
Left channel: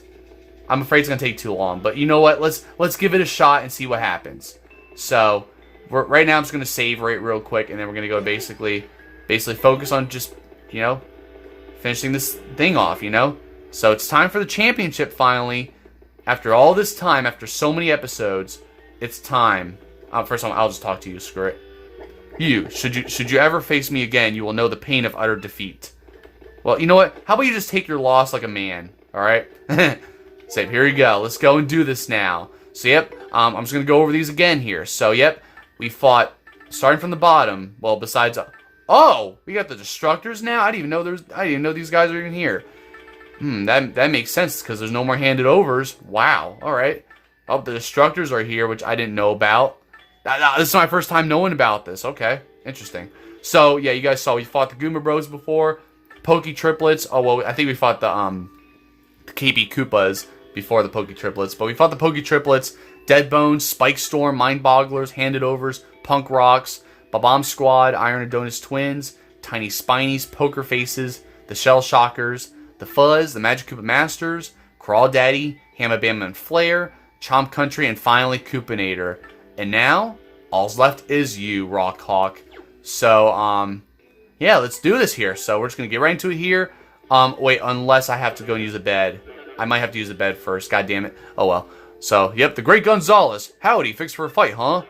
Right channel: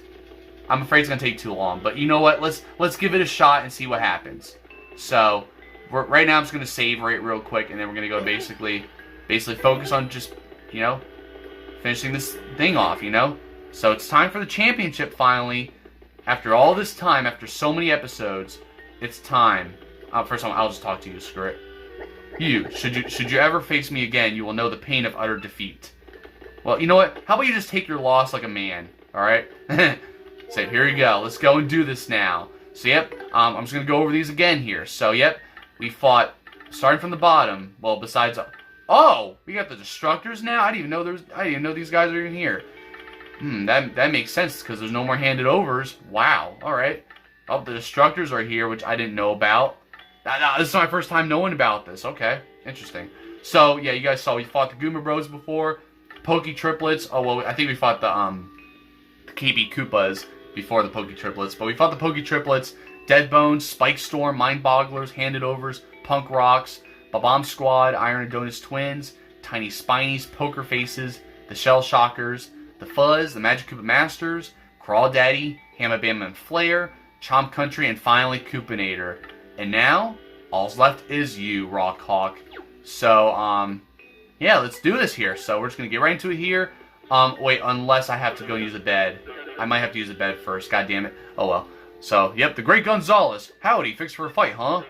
I'm afraid it's gonna take too long, but you know what? Let's give it a shot and see what happens. So, right now I'm just gonna save real quick, and then we're gonna go basically focus on just, you know, finishing this thing off. You know, so it's time for the championship finally. After all this time, after so many episodes, it's time. First of all, I'll just talk to you. Screw it. You, should you ever face me again, you will know the pain of utter defeat. Well, you know what? How about you just take your loss like a man, alright? So, here you go. Let's go and do this now. So, yep, I'm just going to go over these again here. So, yep, we fought, starting from the bottom, well, besides... Oh! We got the Destructors now? I didn't even know these guys are even here. That makes sense, because there's no more handed overs. Wow, alright. Oh, the Destructors are here, which I didn't know about. This is my first time knowing about this. Okay, interesting. So, yeah, you guys saw we fought the Goomba Bros before. Pokey Triplets. Oh, well, I think we fought the KB Koopas before the Pokey Triplets. But we fought the Pokey Triplets, Dead Bones, Spike Storm, Mind Bogglers, Handed Overs, Punk Rocks, Babam Squad, Iron Adonis Twins, Tiny Spinies, Poker Faces, the Shell Shockers, the Fuzz, the Magic Koopa Masters, Crawl Daddy, Hamma, Bamma, and Flare, Chomp Country, and finally Koopinator. And now, all's left is you, Rawk Hawk. So, yeah, let's do this here. So, we're just going to get right into it here. Wait, unless I have to go and use a bed. I might have to use a bed first. God damn it. Oh, well. So, yep, the Great Gonzalez. Howdy, fixed for a fight, huh?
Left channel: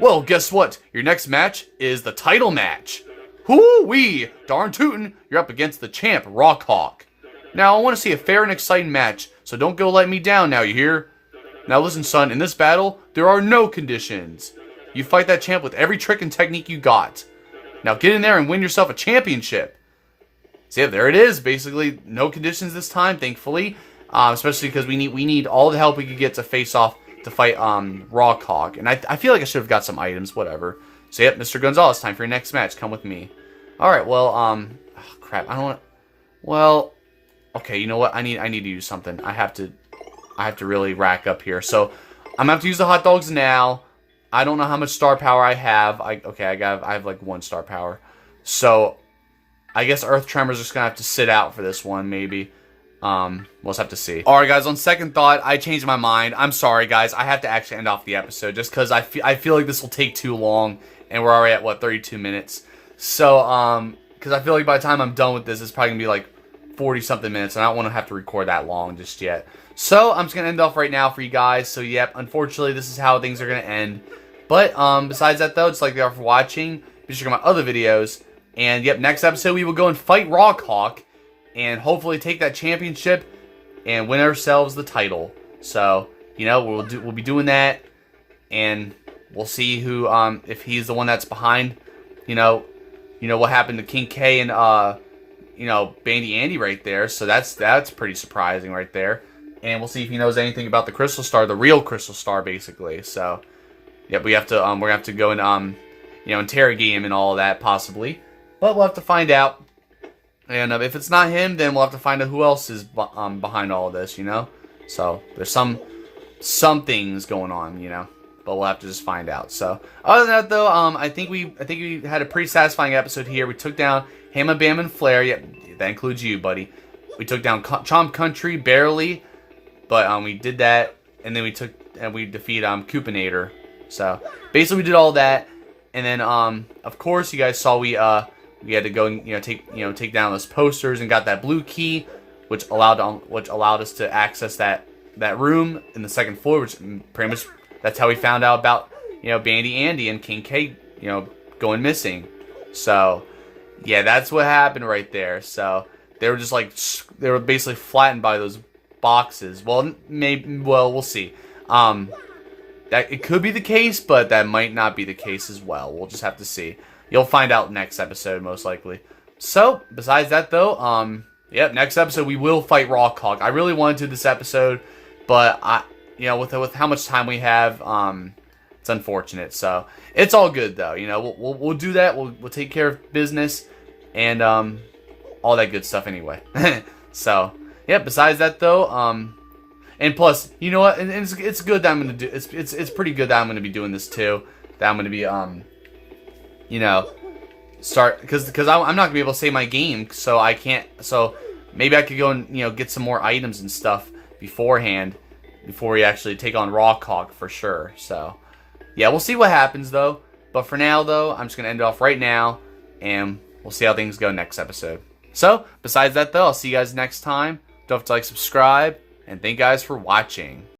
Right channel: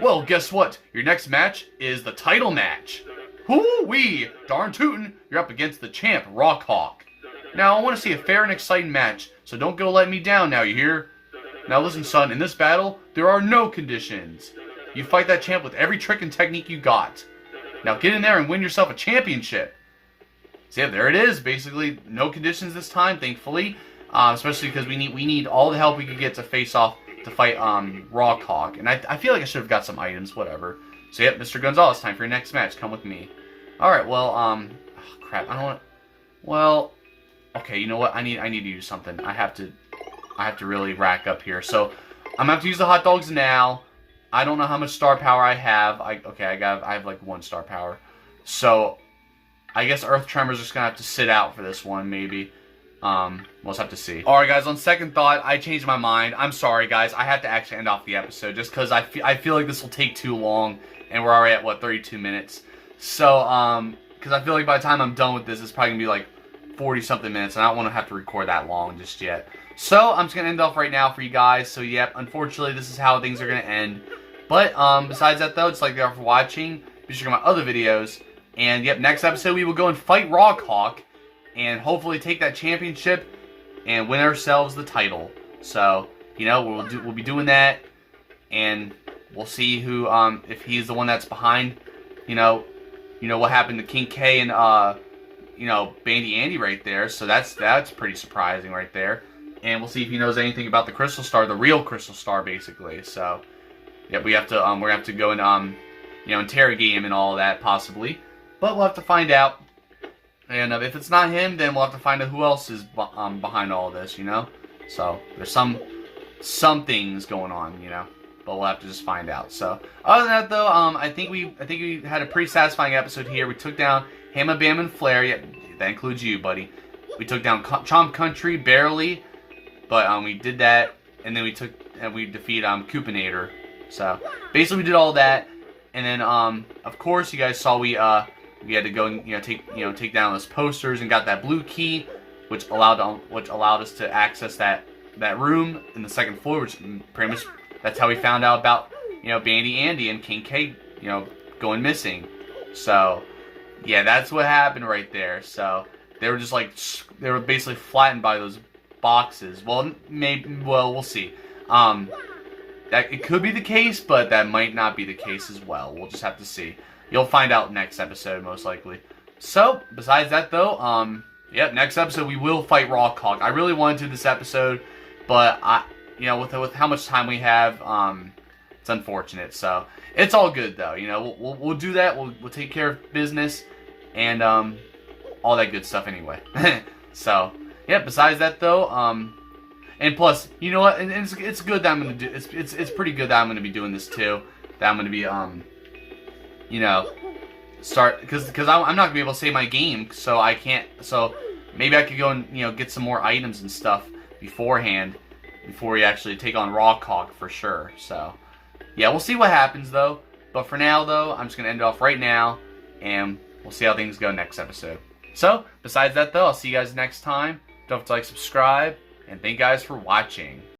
Well, guess what? Your next match is the title match. Hoo-wee! Darn tootin', you're up against the champ, Rawk Hawk. Now, I want to see a fair and exciting match, so don't go let me down now, you hear? Now listen, son, in this battle, there are no conditions. You fight that champ with every trick and technique you got. Now get in there and win yourself a championship. So yeah, there it is. Basically, no conditions this time, thankfully. Especially because we need all the help we could get to face off to fight Rawk Hawk. And I feel like I should have got some items, whatever. So yep, Mr. Gonzalez, time for your next match. Come with me. Alright, well, oh, crap, I don't want... Well, okay, you know what? I need to use something. I have to really rack up here. So, I'm going to have to use the hot dogs now. I don't know how much star power I have. I have like 1 star power. So, I guess Earth Tremors are just going to have to sit out for this one, maybe. We'll just have to see. Alright, guys, on second thought, I changed my mind. I'm sorry, guys. I have to actually end off the episode just because I feel like this will take too long. And we're already at, what, 32 minutes. So, because I feel like by the time I'm done with this, it's probably going to be like 40-something minutes. And I don't want to have to record that long just yet. So, I'm just going to end off right now for you guys. So, yep, unfortunately, this is how things are going to end. But, besides that, though, just like you all for watching. Be sure to check out my other videos. And, yep, next episode, we will go and fight Rawk Hawk. And hopefully take that championship and win ourselves the title. So, you know, we'll be doing that. And we'll see who, if he's the one that's behind, you know what happened to King K and, Bandy Andy right there. So that's pretty surprising right there. And we'll see if he knows anything about the Crystal Star, the real Crystal Star, basically. So, yeah, we're gonna have to go and, interrogate him and all of that, possibly. But we'll have to find out. And if it's not him, then we'll have to find out who else is behind all of this, So, there's some things going on, But we'll have to just find out. So, other than that, though, I think we had a pretty satisfying episode here. We took down Hamma, Bamma, and Flare. Yep, that includes you, buddy. We took down Chomp Country, barely. But, we did that. And then we defeated, Koopinator. So, basically, we did all that. And then, of course, you guys saw we had to go and take down those posters and got that blue key, which allowed us to access that room in the second floor, which pretty much that's how we found out about Bandy Andy and King K going missing. So yeah, that's what happened right there. So they were basically flattened by those boxes. Well, we'll see. That it could be the case, but that might not be the case as well. We'll just have to see. You'll find out next episode, most likely. So, besides that, though, yep, next episode we will fight Rawk Hawk. I really wanted to this episode, but with how much time we have, it's unfortunate. So, it's all good though. We'll do that. We'll take care of business and all that good stuff anyway. So, yeah. Besides that, though, and plus, you know what? And it's good that I'm gonna do. It's pretty good that I'm gonna be doing this too. That I'm gonna be start because I'm not gonna be able to save my game, so I can't. So maybe I could go and get some more items and stuff beforehand before we actually take on Rawk Hawk for sure. So yeah, we'll see what happens though. But for now though, I'm just gonna end it off right now, and we'll see how things go next episode. So besides that though, I'll see you guys next time. Don't forget to like, subscribe, and thank you guys for watching.